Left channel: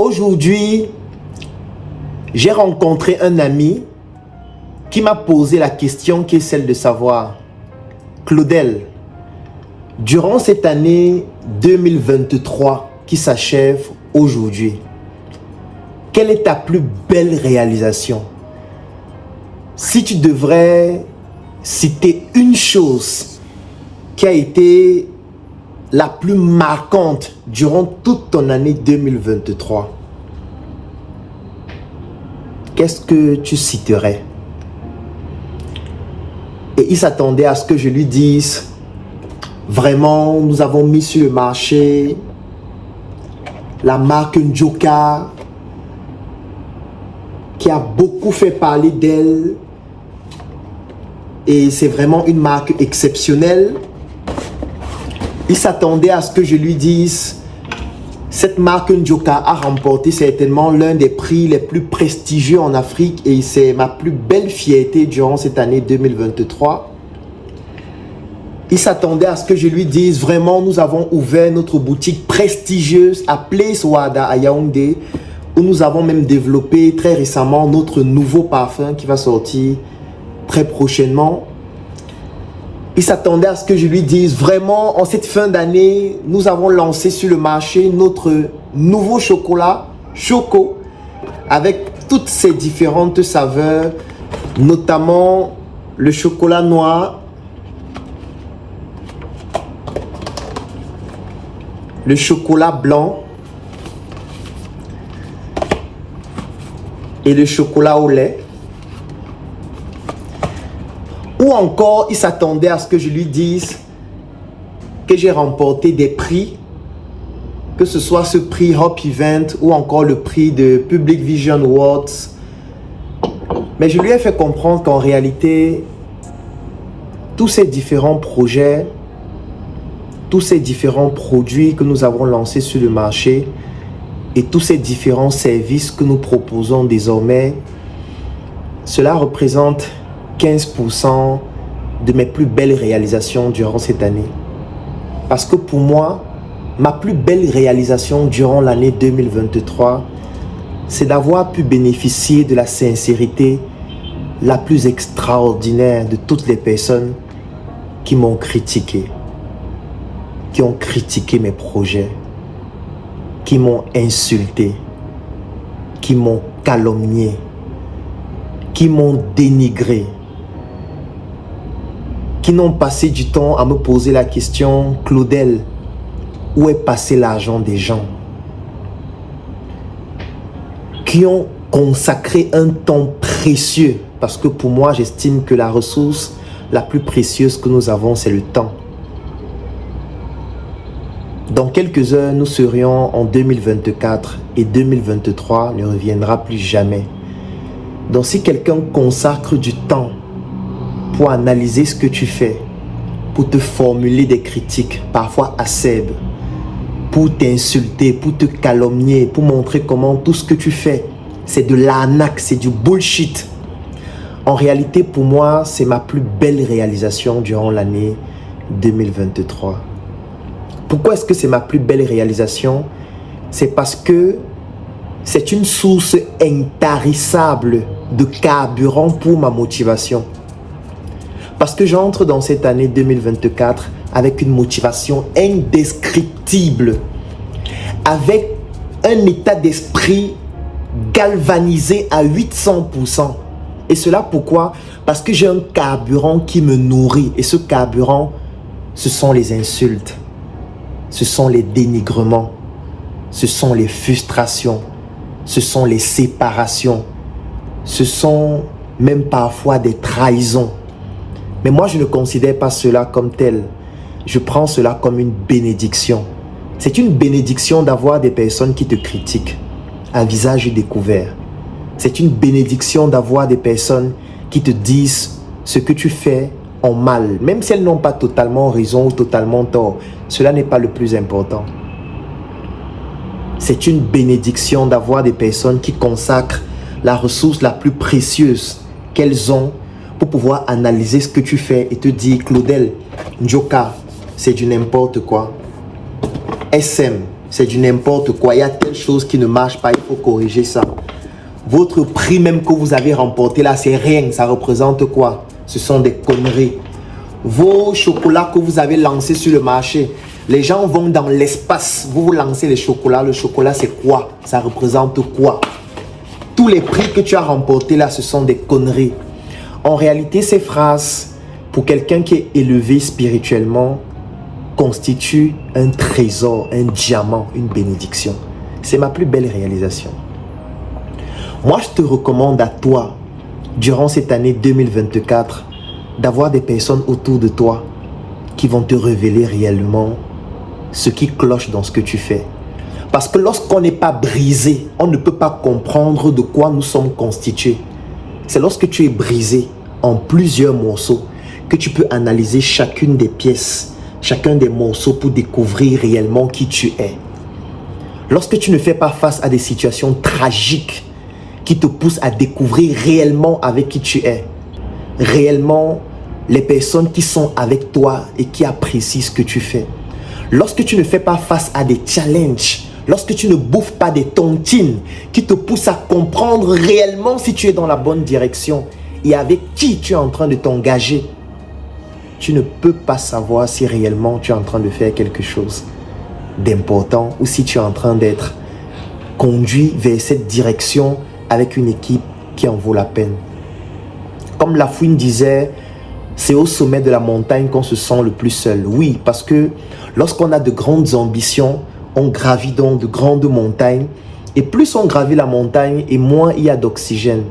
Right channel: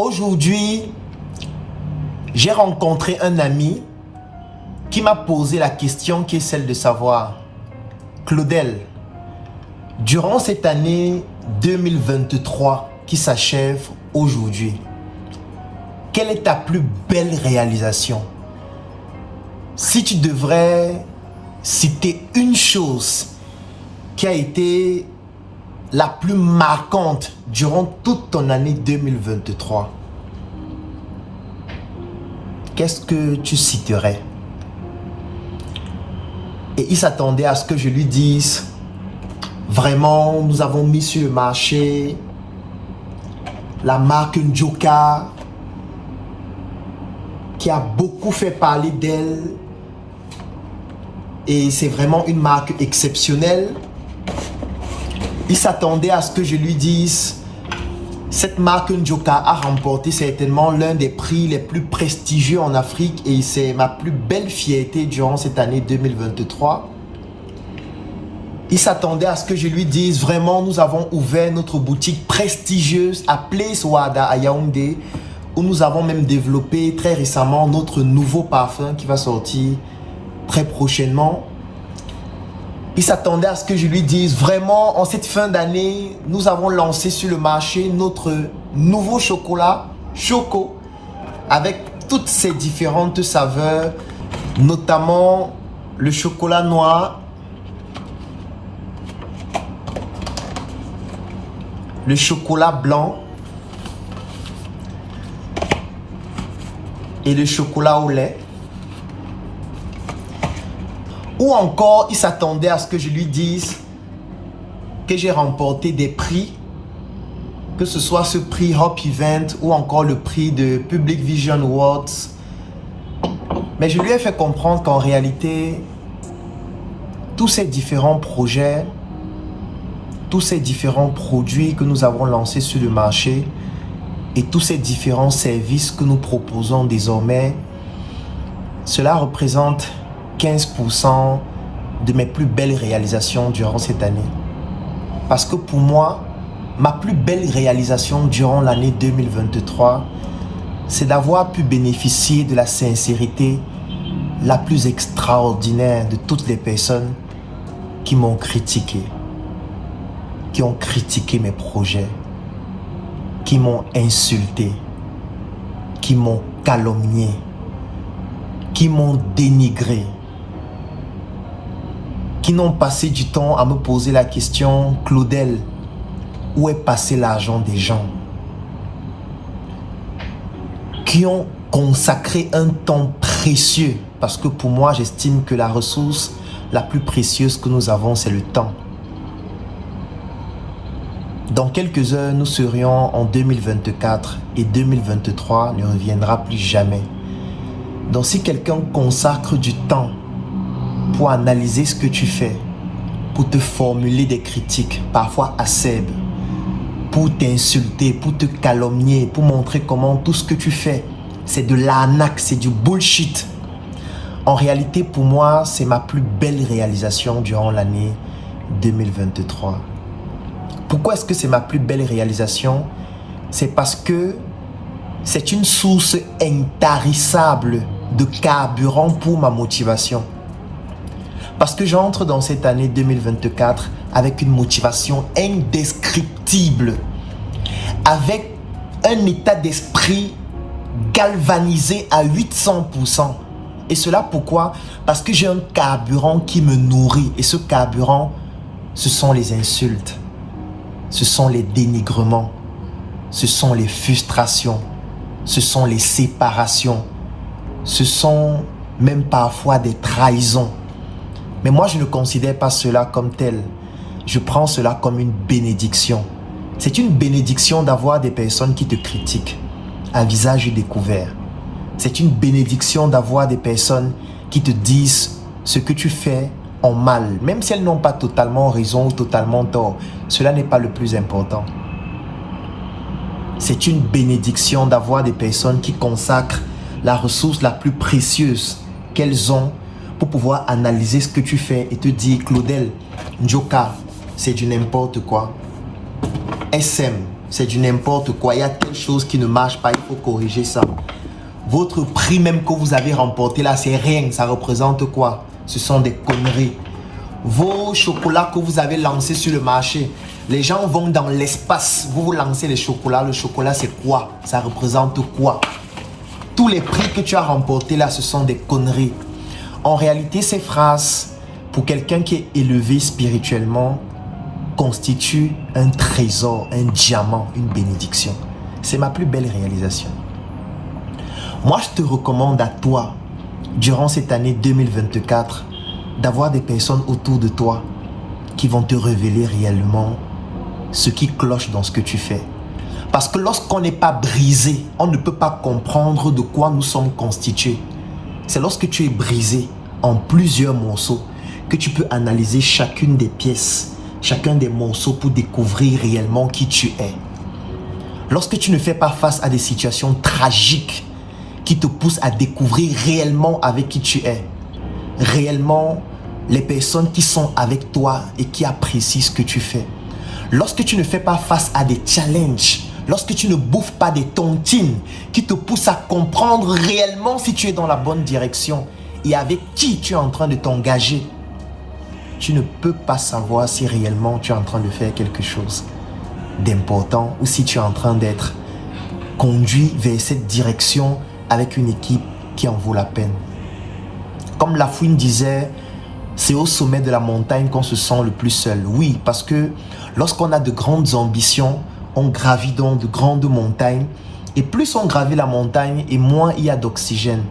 Aujourd'hui, j'ai rencontré un ami qui m'a posé la question qui est celle de savoir, Claudel, durant cette année 2023 qui s'achève aujourd'hui, quelle est ta plus belle réalisation? Si tu devrais citer une chose qui a été la plus marquante durant toute ton année 2023, qu'est-ce que tu citerais? Et il s'attendait à ce que je lui dise, vraiment, nous avons mis sur le marché la marque Njoka, qui a beaucoup fait parler d'elle. Et c'est vraiment une marque exceptionnelle. Il s'attendait à ce que je lui dise, cette marque Njoka a remporté certainement l'un des prix les plus prestigieux en Afrique et c'est ma plus belle fierté durant cette année 2023. Il s'attendait à ce que je lui dise, vraiment, nous avons ouvert notre boutique prestigieuse à Place Wada à Yaoundé, où nous avons même développé très récemment notre nouveau parfum qui va sortir très prochainement. Il s'attendait à ce que je lui dise, vraiment, en cette fin d'année, nous avons lancé sur le marché notre nouveau chocolat, Choco, avec toutes ses différentes saveurs, notamment le chocolat noir, le chocolat blanc et le chocolat au lait. Ou encore, il s'attendait à ce que je lui dise que j'ai remporté des prix, que ce soit ce prix Hop Event ou encore le prix de Public Vision Awards. Mais je lui ai fait comprendre qu'en réalité, tous ces différents projets, tous ces différents produits que nous avons lancés sur le marché et tous ces différents services que nous proposons désormais, cela représente 15% de mes plus belles réalisations durant cette année. Parce que pour moi, ma plus belle réalisation durant l'année 2023, c'est d'avoir pu bénéficier de la sincérité la plus extraordinaire de toutes les personnes qui m'ont critiqué, qui ont critiqué mes projets, qui m'ont insulté, qui m'ont calomnié, qui m'ont dénigré, qui n'ont passé du temps à me poser la question, Claudel, où est passé l'argent des gens? Qui ont consacré un temps précieux, parce que pour moi, j'estime que la ressource la plus précieuse que nous avons, c'est le temps. Dans quelques heures, nous serions en 2024 et 2023 ne reviendra plus jamais. Donc si quelqu'un consacre du temps pour analyser ce que tu fais, pour te formuler des critiques, parfois acerbes, pour t'insulter, pour te calomnier, pour montrer comment tout ce que tu fais, c'est de l'arnaque, c'est du bullshit. En réalité, pour moi, c'est ma plus belle réalisation durant l'année 2023. Pourquoi est-ce que c'est ma plus belle réalisation? C'est parce que c'est une source intarissable de carburant pour ma motivation. Parce que j'entre dans cette année 2024 avec une motivation indescriptible, avec un état d'esprit galvanisé à 800%. Et cela pourquoi? Parce que j'ai un carburant qui me nourrit. Et ce carburant, ce sont les insultes, ce sont les dénigrements, ce sont les frustrations, ce sont les séparations, ce sont même parfois des trahisons. Mais moi, je ne considère pas cela comme tel. Je prends cela comme une bénédiction. C'est une bénédiction d'avoir des personnes qui te critiquent à visage découvert. C'est une bénédiction d'avoir des personnes qui te disent ce que tu fais en mal, même si elles n'ont pas totalement raison ou totalement tort. Cela n'est pas le plus important. C'est une bénédiction d'avoir des personnes qui consacrent la ressource la plus précieuse qu'elles ont pour pouvoir analyser ce que tu fais et te dire, Claudel, Njoka, c'est du n'importe quoi. SM, c'est du n'importe quoi. Il y a telle chose qui ne marche pas, il faut corriger ça. Votre prix même que vous avez remporté là, c'est rien. Ça représente quoi? Ce sont des conneries. Vos chocolats que vous avez lancés sur le marché, les gens vont dans l'espace. Vous lancez les chocolats. Le chocolat, c'est quoi? Ça représente quoi? Tous les prix que tu as remportés là, ce sont des conneries. En réalité, ces phrases, pour quelqu'un qui est élevé spirituellement, constituent un trésor, un diamant, une bénédiction. C'est ma plus belle réalisation. Moi, je te recommande à toi, durant cette année 2024, d'avoir des personnes autour de toi qui vont te révéler réellement ce qui cloche dans ce que tu fais. Parce que lorsqu'on n'est pas brisé, on ne peut pas comprendre de quoi nous sommes constitués. C'est lorsque tu es brisé en plusieurs morceaux que tu peux analyser chacune des pièces, chacun des morceaux pour découvrir réellement qui tu es. Lorsque tu ne fais pas face à des situations tragiques qui te poussent à découvrir réellement avec qui tu es, réellement les personnes qui sont avec toi et qui apprécient ce que tu fais. Lorsque tu ne fais pas face à des challenges, lorsque tu ne bouffes pas des tontines qui te poussent à comprendre réellement si tu es dans la bonne direction et avec qui tu es en train de t'engager, tu ne peux pas savoir si réellement tu es en train de faire quelque chose d'important ou si tu es en train d'être conduit vers cette direction avec une équipe qui en vaut la peine. Comme Lafouine disait, c'est au sommet de la montagne qu'on se sent le plus seul. Oui, parce que lorsqu'on a de grandes ambitions, on gravit donc de grandes montagnes. Et plus on gravit la montagne et moins il y a d'oxygène,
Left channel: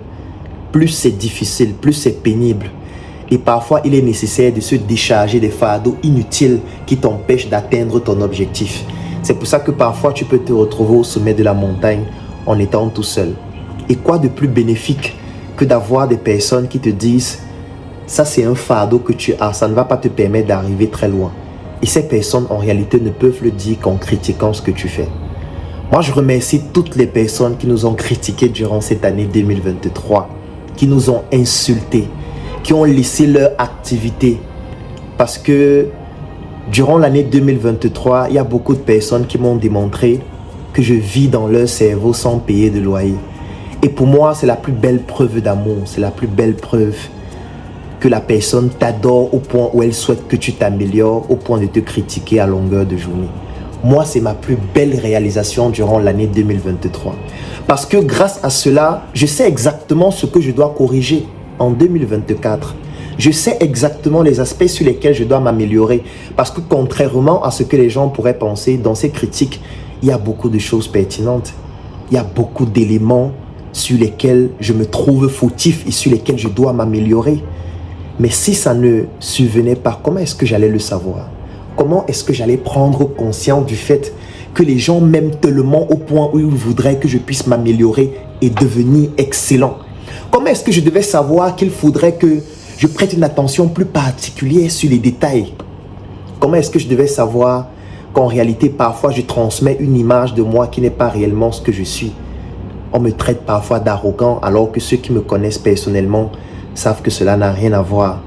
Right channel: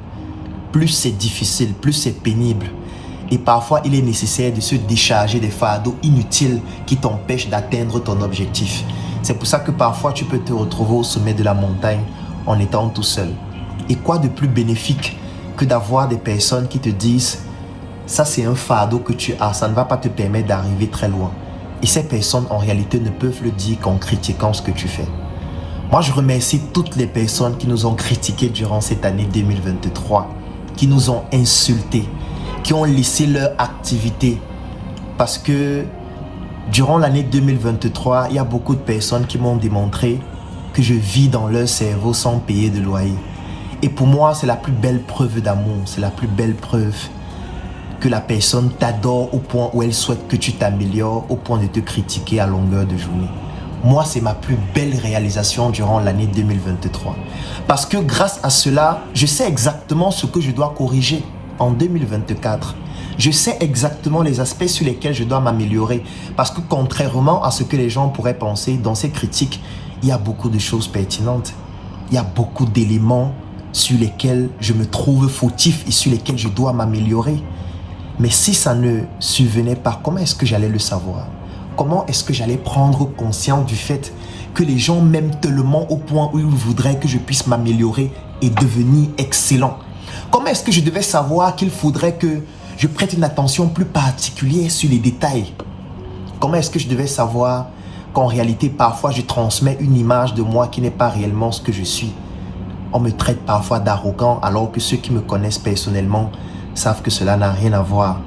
plus c'est difficile, plus c'est pénible. Et parfois, il est nécessaire de se décharger des fardeaux inutiles qui t'empêchent d'atteindre ton objectif. C'est pour ça que parfois, tu peux te retrouver au sommet de la montagne en étant tout seul. Et quoi de plus bénéfique que d'avoir des personnes qui te disent « ça c'est un fardeau que tu as, ça ne va pas te permettre d'arriver très loin ». Et ces personnes en réalité ne peuvent le dire qu'en critiquant ce que tu fais. Moi je remercie toutes les personnes qui nous ont critiqués durant cette année 2023, qui nous ont insultés, qui ont laissé leur activité. Parce que durant l'année 2023, il y a beaucoup de personnes qui m'ont démontré que je vis dans leur cerveau sans payer de loyer. Et pour moi, c'est la plus belle preuve d'amour, c'est la plus belle preuve que la personne t'adore au point où elle souhaite que tu t'améliores, au point de te critiquer à longueur de journée. Moi, c'est ma plus belle réalisation durant l'année 2023. Parce que grâce à cela, je sais exactement ce que je dois corriger en 2024. Je sais exactement les aspects sur lesquels je dois m'améliorer. Parce que contrairement à ce que les gens pourraient penser, dans ces critiques, il y a beaucoup de choses pertinentes. Il y a beaucoup d'éléments sur lesquels je me trouve fautif et sur lesquels je dois m'améliorer. Mais si ça ne survenait pas, comment est-ce que j'allais le savoir? Comment est-ce que j'allais prendre conscience du fait que les gens m'aiment tellement au point où ils voudraient que je puisse m'améliorer et devenir excellent? Comment est-ce que je devais savoir qu'il faudrait que je prête une attention plus particulière sur les détails? Comment est-ce que je devais savoir qu'en réalité, parfois, je transmets une image de moi qui n'est pas réellement ce que je suis? On me traite parfois d'arrogant alors que ceux qui me connaissent personnellement savent que cela n'a rien à voir.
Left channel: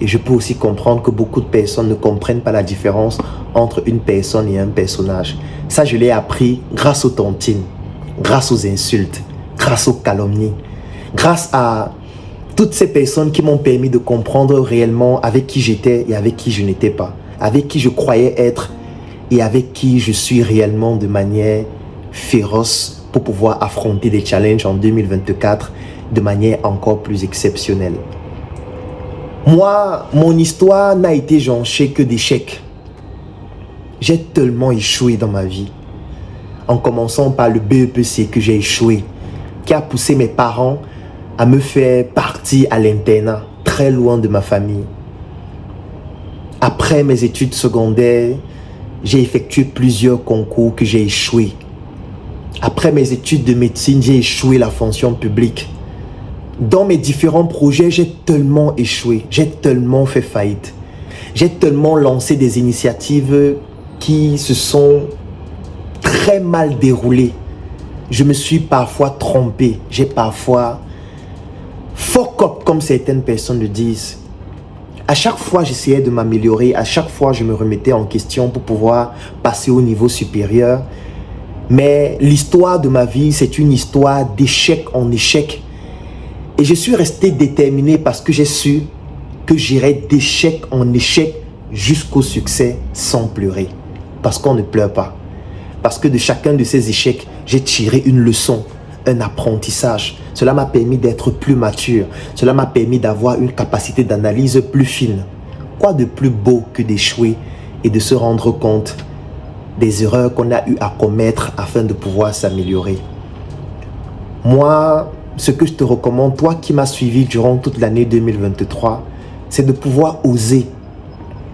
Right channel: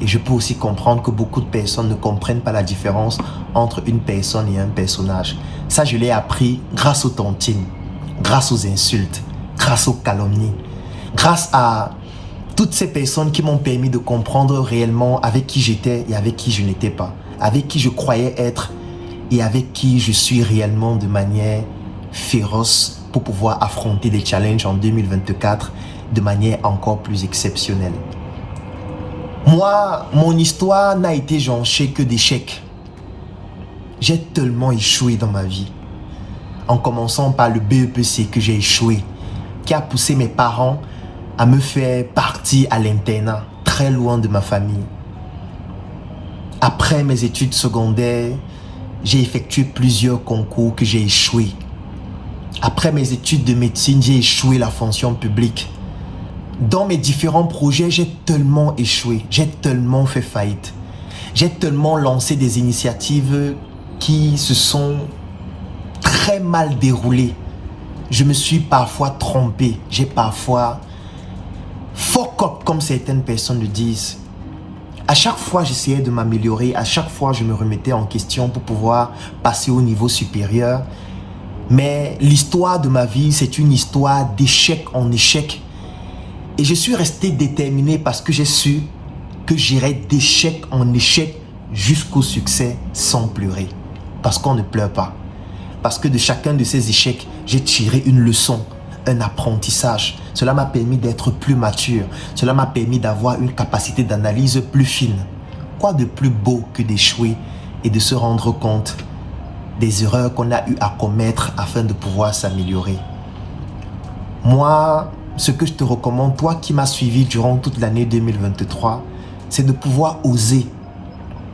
Et je peux aussi comprendre que beaucoup de personnes ne comprennent pas la différence entre une personne et un personnage. Ça, je l'ai appris grâce aux tontines, grâce aux insultes, grâce aux calomnies, grâce à toutes ces personnes qui m'ont permis de comprendre réellement avec qui j'étais et avec qui je n'étais pas, avec qui je croyais être et avec qui je suis réellement de manière féroce pour pouvoir affronter des challenges en 2024 de manière encore plus exceptionnelle. Moi, mon histoire n'a été jonchée que d'échecs. J'ai tellement échoué dans ma vie. En commençant par le BEPC que j'ai échoué, qui a poussé mes parents à me faire partir à l'internat, très loin de ma famille. Après mes études secondaires, j'ai effectué plusieurs concours que j'ai échoué. Après mes études de médecine, j'ai échoué la fonction publique. Dans mes différents projets, j'ai tellement échoué, j'ai tellement fait faillite. J'ai tellement lancé des initiatives qui se sont très mal déroulées. Je me suis parfois trompé, j'ai parfois fuck up comme certaines personnes le disent. À chaque fois, j'essayais de m'améliorer, à chaque fois, je me remettais en question pour pouvoir passer au niveau supérieur. Mais l'histoire de ma vie, c'est une histoire d'échec en échec. Et je suis resté déterminé parce que j'ai su que j'irais d'échec en échec jusqu'au succès sans pleurer. Parce qu'on ne pleure pas. Parce que de chacun de ces échecs, j'ai tiré une leçon, un apprentissage. Cela m'a permis d'être plus mature. Cela m'a permis d'avoir une capacité d'analyse plus fine. Quoi de plus beau que d'échouer et de se rendre compte des erreurs qu'on a eu à commettre afin de pouvoir s'améliorer. Moi, ce que je te recommande, toi qui m'as suivi durant toute l'année 2023, c'est de pouvoir oser,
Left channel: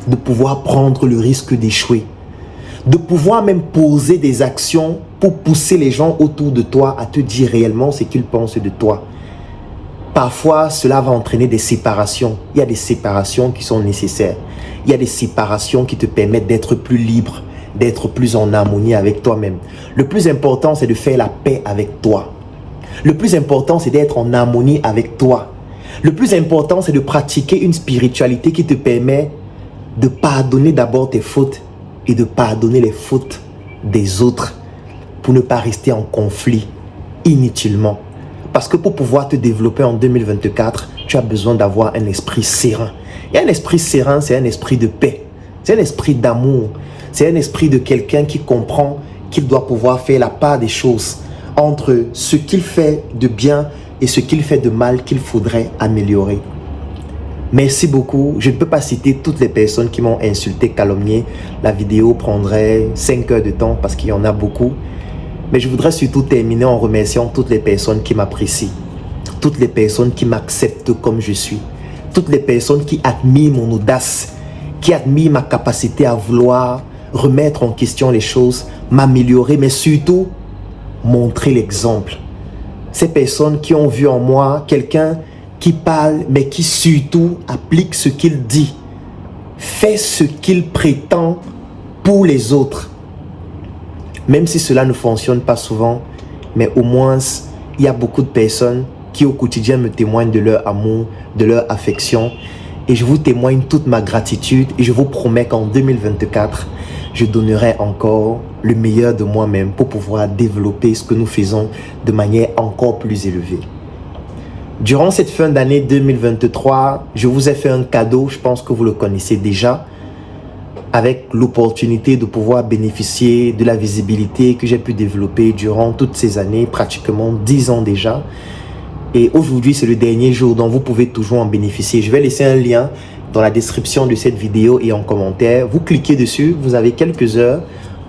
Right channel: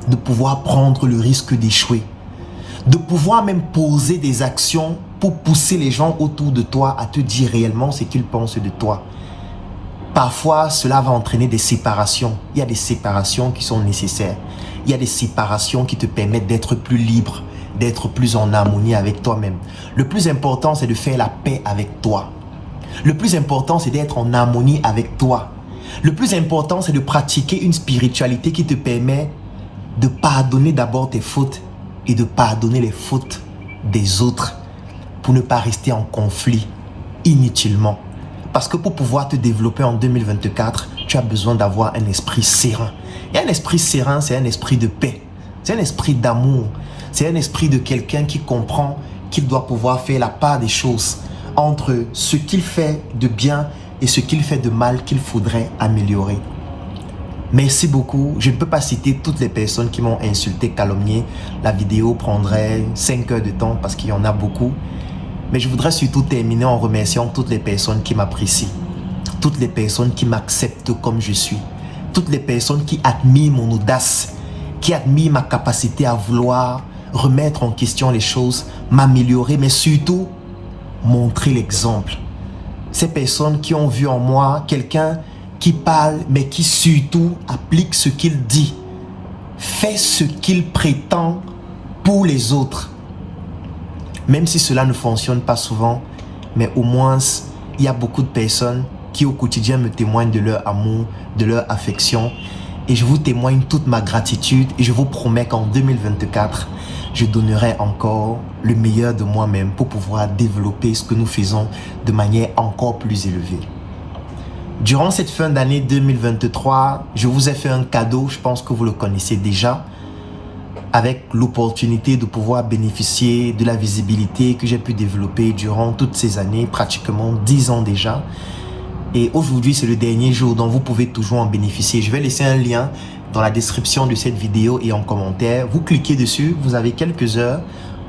de pouvoir prendre le risque d'échouer, de pouvoir même poser des actions pour pousser les gens autour de toi à te dire réellement ce qu'ils pensent de toi. Parfois, cela va entraîner des séparations. Il y a des séparations qui sont nécessaires. Il y a des séparations qui te permettent d'être plus libre, d'être plus en harmonie avec toi-même. Le plus important, c'est de faire la paix avec toi. Le plus important, c'est d'être en harmonie avec toi. Le plus important, c'est de pratiquer une spiritualité qui te permet de pardonner d'abord tes fautes et de pardonner les fautes des autres pour ne pas rester en conflit inutilement. Parce que pour pouvoir te développer en 2024, tu as besoin d'avoir un esprit serein. Et un esprit serein, c'est un esprit de paix. C'est un esprit d'amour. C'est un esprit de quelqu'un qui comprend qu'il doit pouvoir faire la part des choses entre ce qu'il fait de bien et ce qu'il fait de mal qu'il faudrait améliorer. Merci beaucoup. Je ne peux pas citer toutes les personnes qui m'ont insulté, calomnié. La vidéo prendrait 5 heures de temps parce qu'il y en a beaucoup. Mais je voudrais surtout terminer en remerciant toutes les personnes qui m'apprécient, toutes les personnes qui m'acceptent comme je suis, toutes les personnes qui admirent mon audace, qui admirent ma capacité à vouloir remettre en question les choses, m'améliorer, mais surtout montrer l'exemple. Ces personnes qui ont vu en moi quelqu'un qui parle, mais qui surtout applique ce qu'il dit, fait ce qu'il prétend pour les autres. Même si cela ne fonctionne pas souvent, mais au moins, il y a beaucoup de personnes qui au quotidien me témoignent de leur amour, de leur affection. Et je vous témoigne toute ma gratitude et je vous promets qu'en 2024, je donnerai encore le meilleur de moi-même pour pouvoir développer ce que nous faisons de manière encore plus élevée. Durant cette fin d'année 2023, je vous ai fait un cadeau, je pense que vous le connaissez déjà, avec l'opportunité de pouvoir bénéficier de la visibilité que j'ai pu développer durant toutes ces années, pratiquement 10 ans déjà. Et aujourd'hui, c'est le dernier jour dont vous pouvez toujours en bénéficier. Je vais laisser un lien dans la description de cette vidéo et en commentaire. Vous cliquez dessus, vous avez quelques heures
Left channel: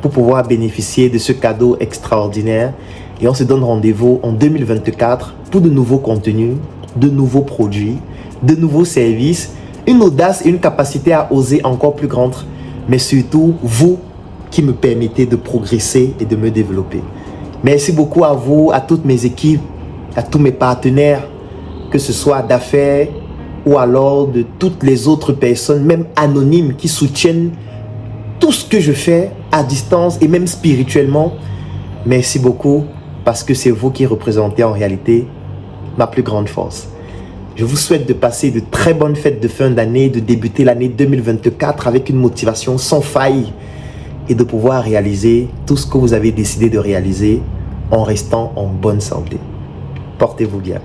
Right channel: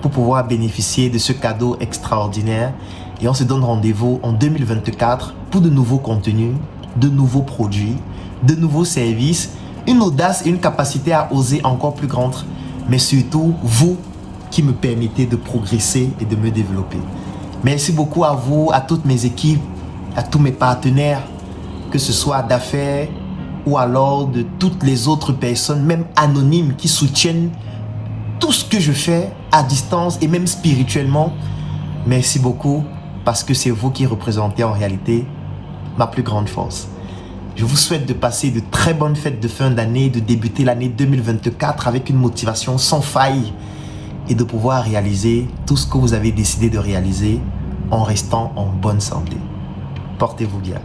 pour pouvoir bénéficier de ce cadeau extraordinaire. Et on se donne rendez-vous en 2024 pour de nouveaux contenus, de nouveaux produits, de nouveaux services, une audace et une capacité à oser encore plus grande. Mais surtout, vous qui me permettez de progresser et de me développer. Merci beaucoup à vous, à toutes mes équipes, à tous mes partenaires, que ce soit d'affaires ou alors de toutes les autres personnes, même anonymes, qui soutiennent tout ce que je fais à distance et même spirituellement. Merci beaucoup parce que c'est vous qui représentez en réalité ma plus grande force. Je vous souhaite de passer de très bonnes fêtes de fin d'année, de débuter l'année 2024 avec une motivation sans faille et de pouvoir réaliser tout ce que vous avez décidé de réaliser en restant en bonne santé. Portez-vous bien.